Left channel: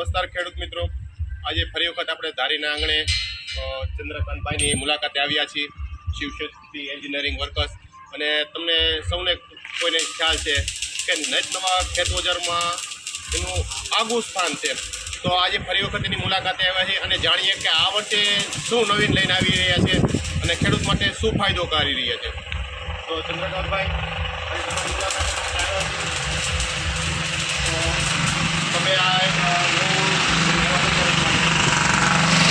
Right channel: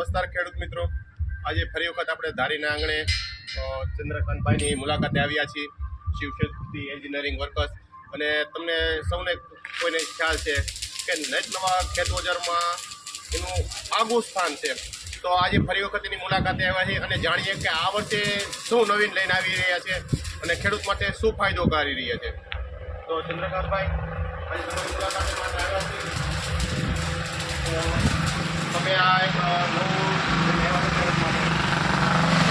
નમસ્કાર ખેડૂત મિત્રો. આજે ફરી વખત આપણે ધારીના આંગણે ચંદ્રકાંતભાઈની મુલાકાતે આવ્યા છીએ, શિવશક્તિ એન્જિનિયરિંગ વર્કર્સ. અને તમને સૌને કોઈને ખ્યાલ છે કે નેટ નવા ખેત એનું આગવું સ્થાન છે. તો આજે ફરી વખત એની મુલાકાતે આવ્યા છે અને જાણીએ કે આ વર્ષે શું નવીન લઈને આવી રહ્યા છે અને ખેડૂત માટે શું ફાયદો કરી રહ્યા છે. તો ચંદ્રકાંતભાઈ, આજે તમારી મુલાકાત માટે આવ્યા છીએ તો તમે આ એક અ, નવું લઈને આવ્યા છો ખેડૂત માટે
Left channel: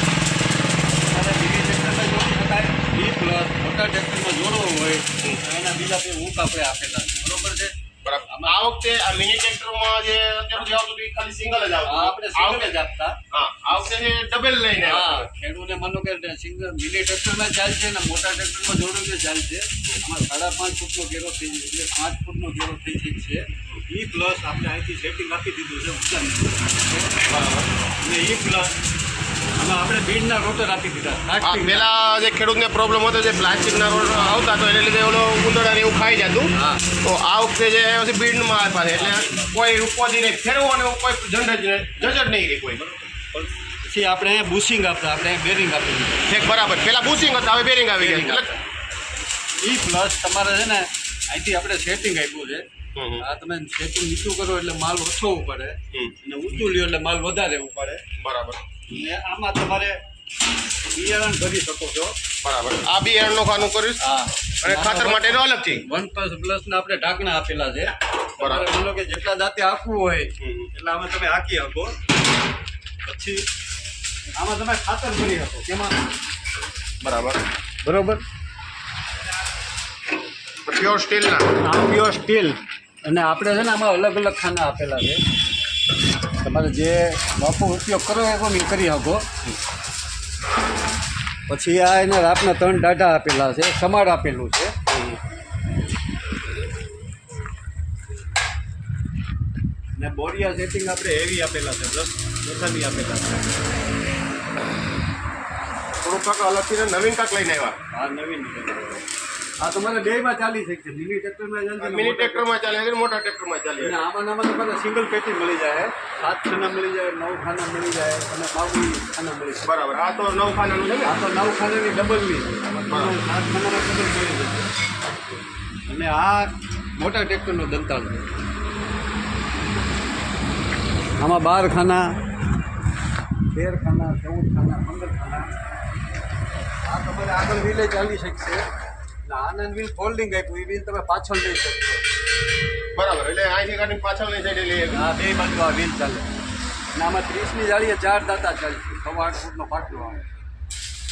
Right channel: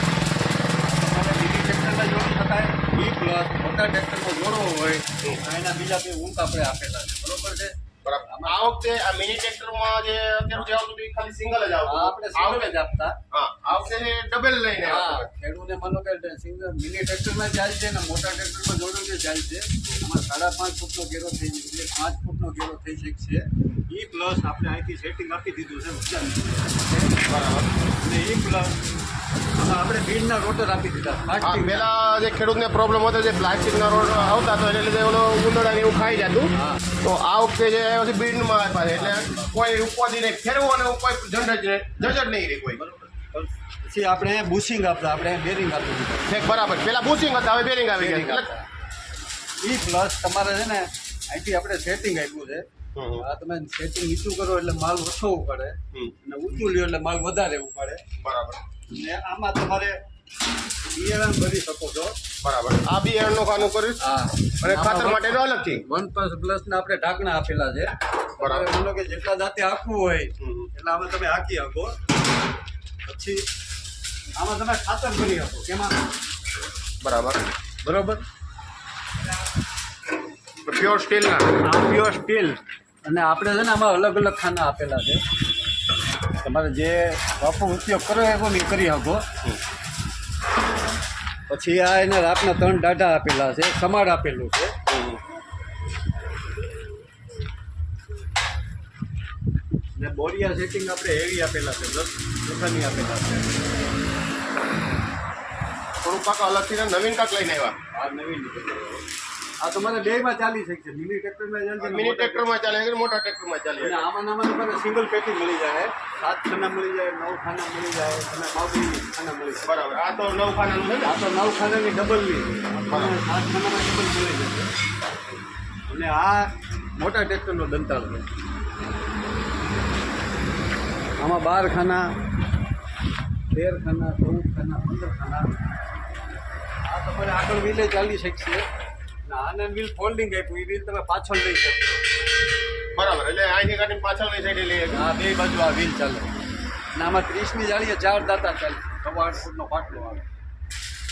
તમારે મિની ટ્રેક્ટરમાં જોડી શકાય ઈ પ્લસ મોટા ટ્રેક્ટરમાં જોડવો હોય તો એના બીજા બે ઊંક આપણે આપેલા છે. બરોબર છે? બરાબર. આ વખતે આ મિની ટ્રેક્ટરમાં જે અત્યાર સુધી આવતું હતું ખાલી સિંગલ જ આવતું આપણે સિંગલ જ આપતા. આ વખતે ડબલ લઈને આવ્યા માનો કે સિંગલ મિની ટ્રેક્ટરમાં ચાલશે ને મોટા ટ્રેક્ટરમાં જોડવું ચાલશે અમારે સાડા પાંચ ફૂટનો ઘેરો થઈ એટલે પાંચ ફૂટનો ઘેરો થઈ જાય છે. એ પ્લસ આપણે અહીંથી સેટિંગ આપી દીધું છે ઊંચાનું અને ઈ પ્લસ આપણે બીડના રોટર આપી દીધા. પેલા જે ખેડૂતને પ્રોબ્લેમ હતો જે પ્લાસ્ટિકના રોડ આવતા તો એને લીધે ઓલો ઉંદરડા એવું ખાઈ જતું. તો આ વખતે જે પછી બીડમાં આપ્યા છે એટલે કોઈ ઉપાધિ નહીં. ફેરવો અને કોઈ ઝંડ જ ઝંઝટ નહીં રહી કોઈ. પછી આપણે અહીંયા બુશિંગ આપતા આપણે બેરિંગ આપી દીધું. એક બરાબર. પેલા બુશિંગ હતા હવે બેરિંગ આવી ગયા. એ પ્લસ તમારે છે ને અહીંથી આપણે સેટિંગ આપ્યું છે. આ તમે સેટિંગ નીચું કરો એટલે માલ ઓછો પડે અને ઊંચું લ્યો એટલે માલ વધારે પડે બરાબર. ને આમાં તમારે બિયારણ ભરી શકો છો. બરાબર. આ બી એરનો ખાનું કરીશ. હા. અને ખાતર માટે અલગથી. વન પ્લસ પ્લસ ના આપણે ઢાંકણા આપેલા છે. બરાબર. માનો કે જેટલા દાંતે આપવું હોય. એટલે આમાં તમે હાકી શકો પછી આમાં તમે ખાતર ભરી શકો કેમાં? બરાબર. બરાબર? પ્યોર સ્ટીલના પ્યોર સ્ટીલ અને આપણે છે ને આમાં અલગ અલગ ખાના આપેલા છે. તમારે જે બાપુ ઉપયોગ કરો એ નહીં કરી શકો. પછી આ એને રાતના ત્રણ દાઢા આપેલા છે, સમાર આપેલું છે. ને બોરિયા સેટિંગ આપણે હેવી આપેલા છે પ્લસ લસણી આપેલા છે. થોડું કાંક અલગથી નવીન કાંક લઈને આવ્યા. આ નવીન. આ તમારે બેમાં ચાલી શકશે મિની ટ્રેક્ટરમાં ચાલશે ને મિની ટ્રેક્ટરમાં ચાલે મોટા ટ્રેક્ટરમાં ચાલે અને આમાં આમાં તમારે સિંગલ પેટી મળી જાય. સાત ખાના મળી જાય નવ ખાના મળી જાય અને બાબુ ખાના મળી જાય. બરાબર. આ તો નવ ખાનાનું છે ને? આ તો નવ ખાનાની ડબલની. સાત ખાનામાં ડબલ મળી જશે અને આ મોટા ટ્રેક્ટરનો દંતાળ છે. આમાં બાર ખાના તેર ખાના ચૌદ ખાના પંદર ખાના. આ તમારે આગળ વિલે ચાલી શકશે. અને આનંદ વ્હીલ ફોલ્ડિંગ આપ્યું. એ વ્હીલ તમે પાછળ લઈ શકશો બરાબર એટલે અહીંથી કાઢીને પાછળની સાઈડે લઈએ આ બે બાજુ આ વ્હીલ ચાલે. અને આમાં ત્રીસની જાળીએ ચાર દાતા ચાલે. સવા આઠ ફૂટનો પાટલો આવે.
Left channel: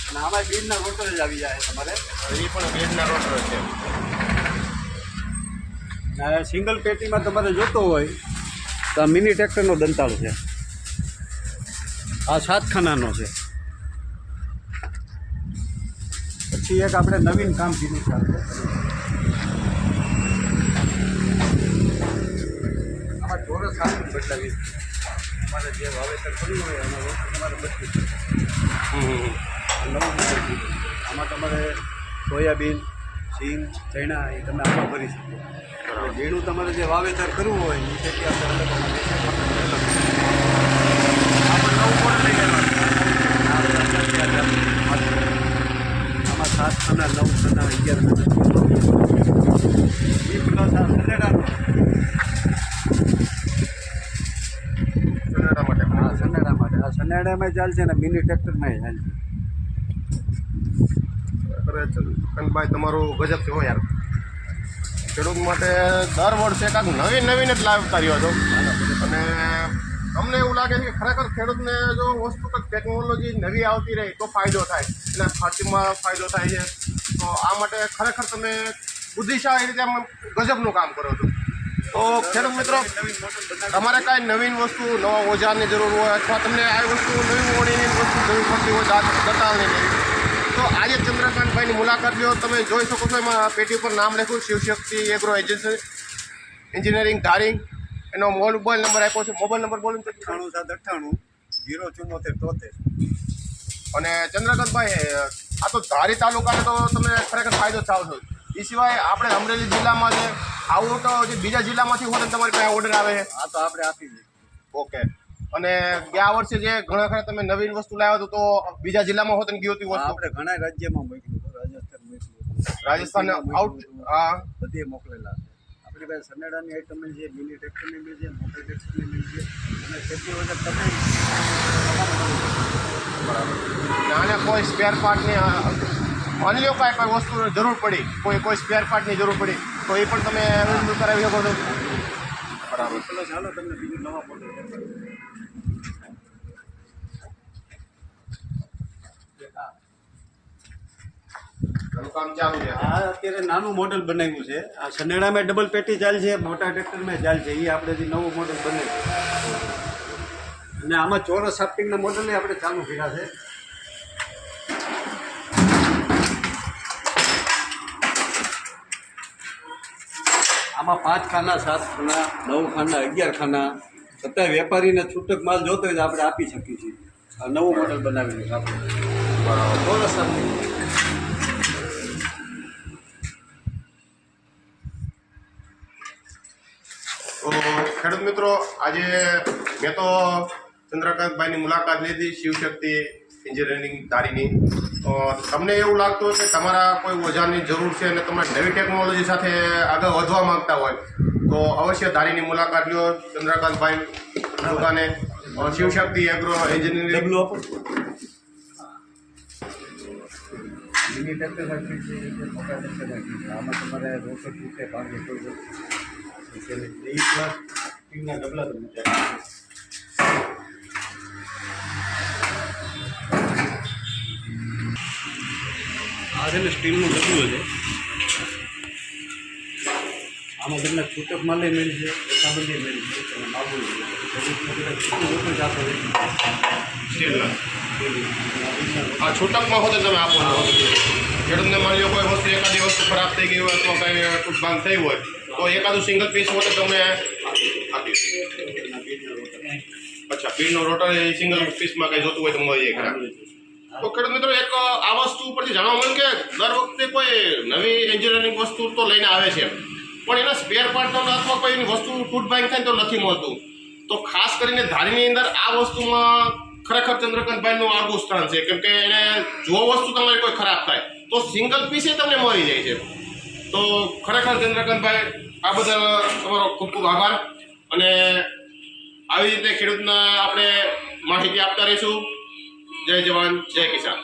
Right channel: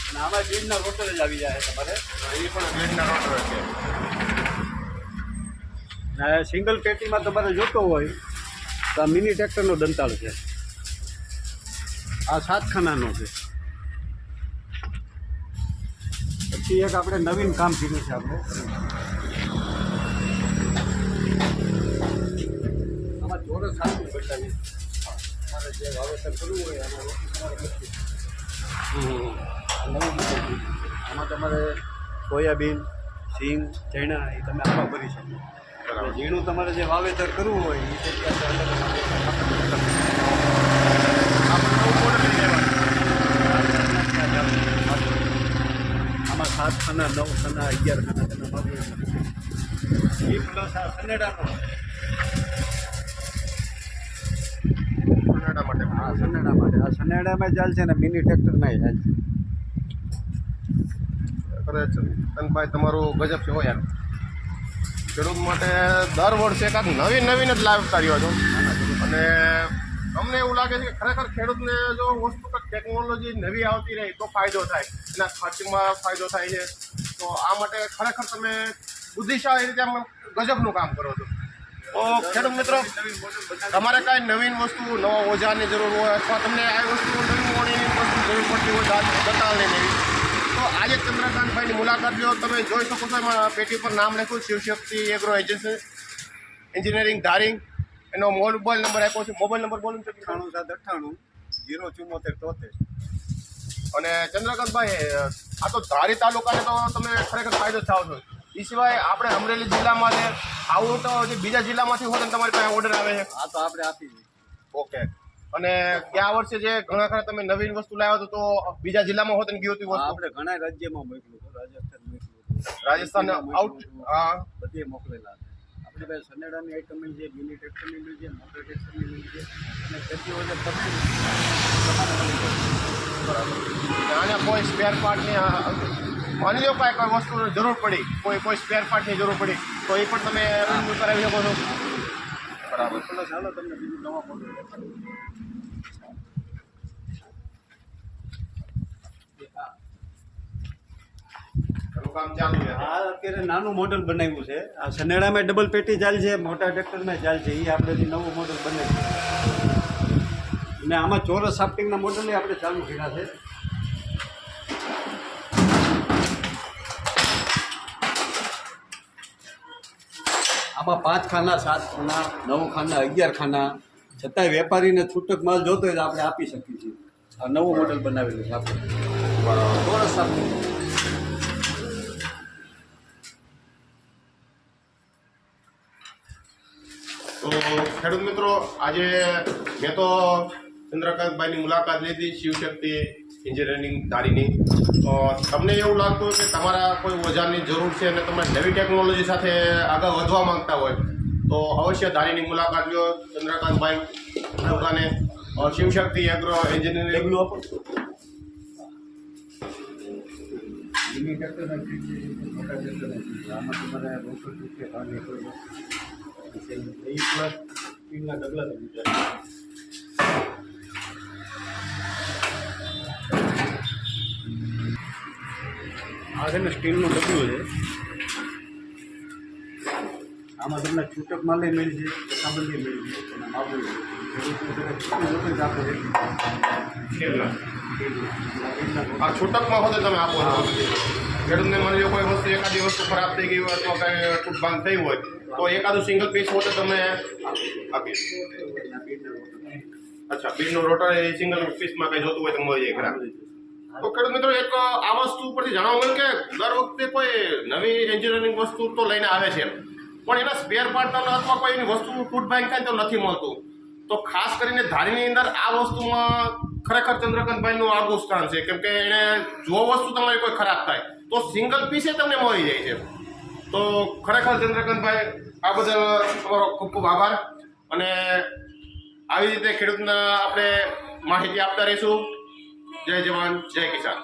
અને આમાં બીજના રોટર જ આવી જાય તમારે. એ પણ બીજના રોટર છે. સિંગલ પેટીમાં તમારે જોતો હોય તો આ મિની ટ્રેક્ટરનો દંતાળ છે. આ સાત ખાનાનો છે. પછી એક આપણે નવીન કામ કીધું છે આપણે. આમાં ચોરસ બદલાવી તમારે જે વાવેતર કરવું હોય વસ્તુ તમારે બદલી નવું દીધું. આમાં તમારે સોયાબીન, સિંગ, ચણા એ તમે આપવા ભરી શકો. અને ઝીણું તમારે જે વાવેતર કરવું હોય એ ખેતી આપણે અલગ અમારે આપણને અલગ નવું ખાના નવ ખાના અગિયાર એ પ્લસ આ સનેડાનો માટે. હા સનેડા માટે. આ સનેડામાં ચાલશે ને મિની ટ્રેક્ટરમાં ચાલશે કનભાઈ તમારું ગજબ છે હો યાર. ખેડૂત માટે દર વર્ષે કાંઈક નવી નવીન જ લાવતા કર્યો છો. અને અમને એવું લાગે છે કે ખરેખર ખેડૂતને જો વસ્તુ ટેકનોલોજી નવી આવતી રહે તો ફાયદો થાય. એના ખર્ચમાં ફાયદો થાય છે. તો આ માટે ખરેખર તમે બુદ્ધિશાળી રીતે ગજબનું કામ કરો છો. તો ખેડૂત મિત્રો, તમારે કાંઈ નવીન વસ્તુ, નવા ઓજારની જરૂર હોય અથવા તમને આ વસ્તુ નવી મોડી વસ્તુ જરૂર પડતી હોય દાંત દતાળની નવી તો આજે ચંદ્રકાંતભાઈની મુલાકાત લો. તમે જોઈ શકો છો એમાં પેટી પર નામ લખ્યું, શિવશક્તિ એગ્રો એજન્સી એન્જિનિયરિંગ ધારિંગ એનો મોબાઈલ નંબર આપ્યો છે. મોબાઈલ નંબર બોલું તો અઠ્ઠાણું સાત અઠ્ઠાણું જીરો ચુમ્મોતેર તોતેર અને ચંદ્રકાંતભાઈ આ તો ધારી તાલુકાને તો તમે ખરેખર ફાયદો થાવ છો. એ સિવાય આપણે અમરેલી જિલ્લામાં જે આવું તો જે બીજા જિલ્લામાંથી હોત તમારી પાસે ઓર્ડર આવે છે. આ તો આપણે આપી દઈએ. ઓકે અને ગયા વર્ષે જે ઘણા ખરા તમે નવીન વસ્તુ લાવ્યા તો બીજા જિલ્લામાં હોત ને ગયું હતું આપણે ઘણા રાજ્યમાં મોકલ્યું રાજસ્થાન મોકલ્યું રાજસ્થાન આઉટ હા. બધે મોકલેલા છે આપણી પાસે સનેડાની આઈટમ મળી છે મિની ટ્રેક્ટરની મળી છે મોટર ટ્રેક્ટરની મળી છે. અને ખેતી વગર તમે બરાબર. આને કોઈ સ્પેર પાર્ટની માની લો કાંઈ કોઈ વસ્તુની જરૂર પડી કોઈ કોઈ સ્પેર પાર્ટની જરૂર પડી તો એ પણ તમે અવેલેબલ કરાવી શકો છો. બરાબર ચલો તમને બીજું નવા મોડલ ચાલુ કામ ચાલુ છે આ અત્યારે નાનું મોડલ બનાવ્યું છે. આ સનેડામાં ડબલ પેટી ચાલ છે મોટા ટ્રેક્ટરમાં ચાલ છે. એ આપણે જે નવું મોડલ બનાવ્યું. અને આમાં ચોરસ સાફ્ટિંગના મોડલને આપણે ચાલુ કર્યા છે. આમાં પાંચ ખાના સાત ખાના નવ ખાના અગિયાર ખાના. છતાંય વેપારીને છૂટક માલ જોતો હોય તો આપણે આપી શકીએ છીએ. આ નવું મોડલ બનાવેલું છે આપણે. બરાબર. ચોરસ સાફ્ટિંગ. તો ખેડૂત મિત્રો આજે મેં તો ચંદ્રકાંતભાઈની મુલાકાત લીધી શિવશક્તિ એન્જિનિયરિંગ તારીની. તો તમને એવું લાગતું હોય કે તમારા કોઈ ઓજારની જરૂર છે અને તમે નવી ટેકનોલોજી સાથે આગળ વધવા માંગતા હોય તો અવશ્ય ધારીની મુલાકાત લ્યો. ચંદ્રકાંતભાઈ દુકાને શિવશક્તિ એગ્રો એન્જિનિયરિંગ મિની ટ્રેક્ટરમાં ફીટ છે મોટા છે. આમાં તમારે રોકડ તૂટે ભાગે કોઈ વસ્તુ છે નહીં. એ પ્લસ સ્ટીલના ડબલા તમે ચાલો. આ છે ને સ્ટીલનું ડબલું છે આમાં તમને છૂટક માલે મળશે છે મળશે આપે છે સ્ટીલના સ્ટીલના. આ છૂટકમાં હોતે તમે આપો છો ખેડૂતને લો કોઈ વસ્તુ એકાદી વસ્તુ ખરાબ થઈ ગઈ હોય અથવા કાંઈ તૂટ ભાંગ થઈ હોય તો એકાદું સિંગલ પીસ હોતે તમે બીજના અચ્છા બીજનો રોટર એ સિંગલ પીસમાં કંઈ જોતું હોય તો મળી જાય તો ખેડૂત મિત્રો, એક આ વસ્તુ ઉપરથી જાણવા મળ્યું કે દર વખતે કોઈ નવી એન્જિનિયરિંગ વસ્તુ તો લઈને આવે છે પણ એના સ્પેર પાર્ટ અથવા કોઈ એની વસ્તુ તૂટ બેંક થાય તો નથી મળતું. તો ખાસ કરીને ધારીની અંદર આ વસ્તુમાં ખરેખર ચંદ્રકાંતભાઈનું આગવું સ્થાન છે. કેમ કે એને જો વસ્તુ તમારી કોઈ ખરાબ થાય. તો સિંગલ પીસે તમને મળી જાય છે. તો ખરેખર ચંદ્રકાંતભાઈ, આ બધા તમારો ખૂબ ખૂબ આભાર. અને આવી રીતે ખેડૂતના આપણે માહિતી આપતા રહીશું. જય જવાન, જય કિસાન.